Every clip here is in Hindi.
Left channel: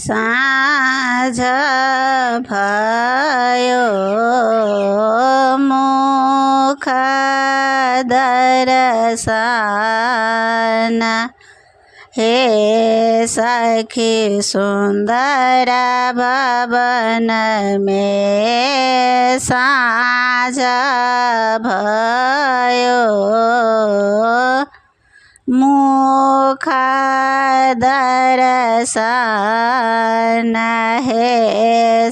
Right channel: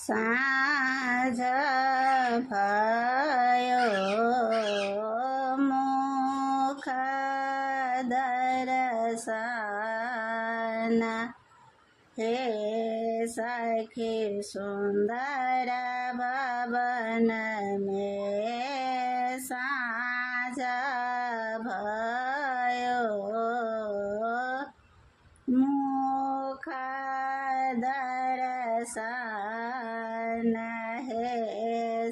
साँझ भयो मुख दर्शन हे सखी सुंदर भवन में साँझ भयो मुख दर्शन हे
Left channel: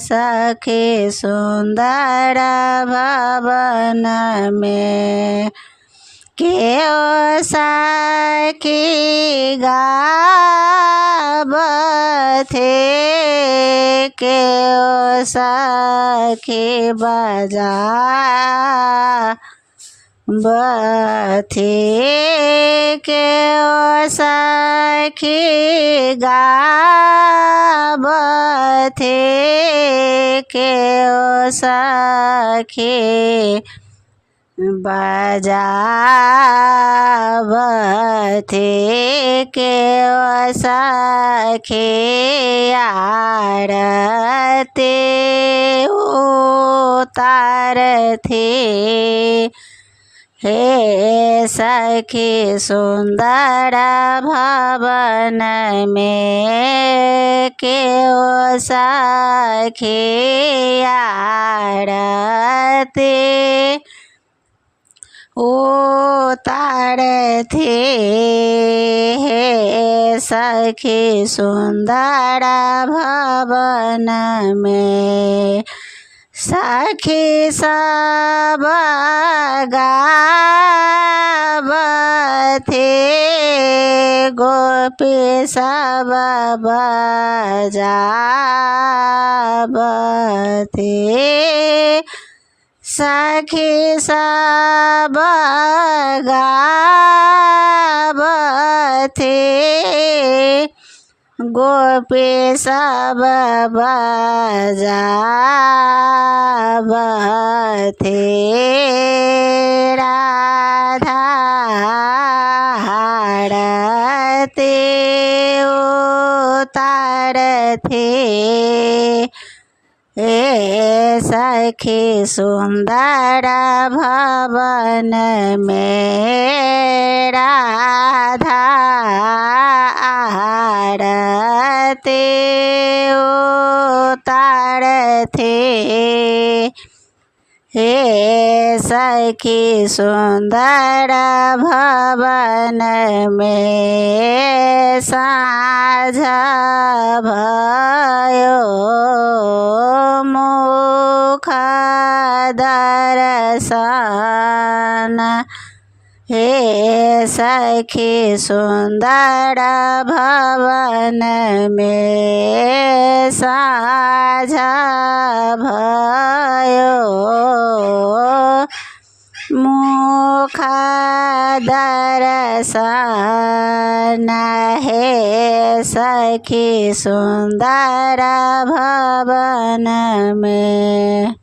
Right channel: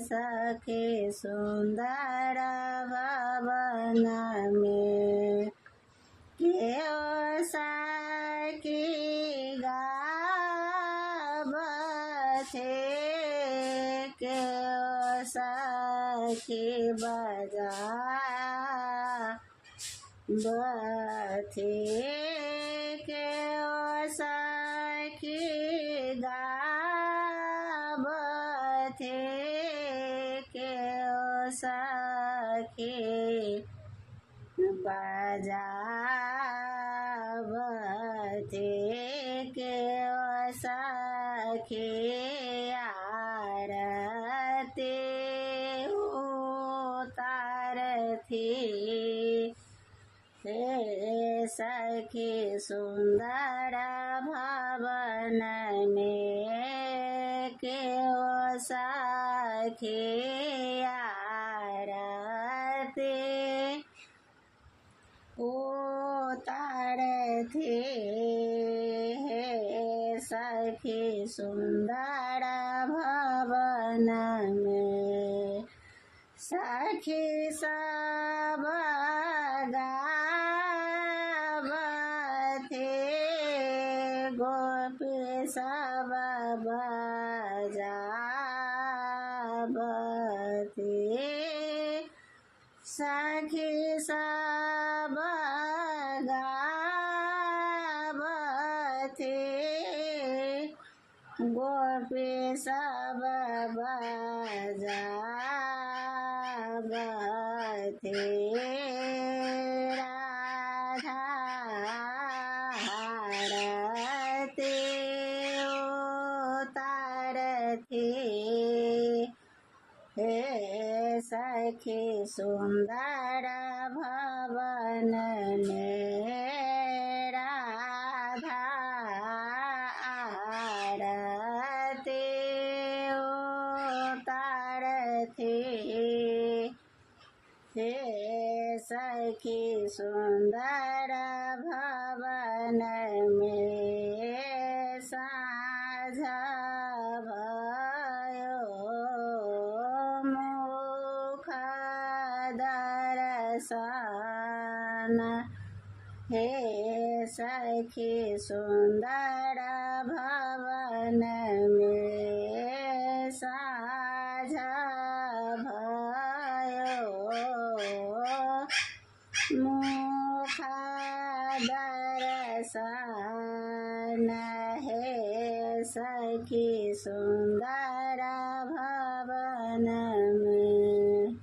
सखी सुंदर भवन में केओ सखी गावथे केओ सखी बजावथे केओ सखी गावथे केओ सखी बजावथे केओ सखी आरती उतारथे हे सखी सुंदर भवन में केओ सखी आरती उतारथे हे सखी सुंदर भवन में सखी सब गावथे गोपी सब बजावथे सखी सब गावथे गोपी सब बजावथे राधा आरती उतारथे हे सखी सुंदर भवन में राधा आरती उतारथे हे सखी सुंदर भवन में साँझ भयो मुख दर्शन हे सखी सुंदर भवन में साँझ भयो मुख दर्शन हे सखी सुंदर भवन में।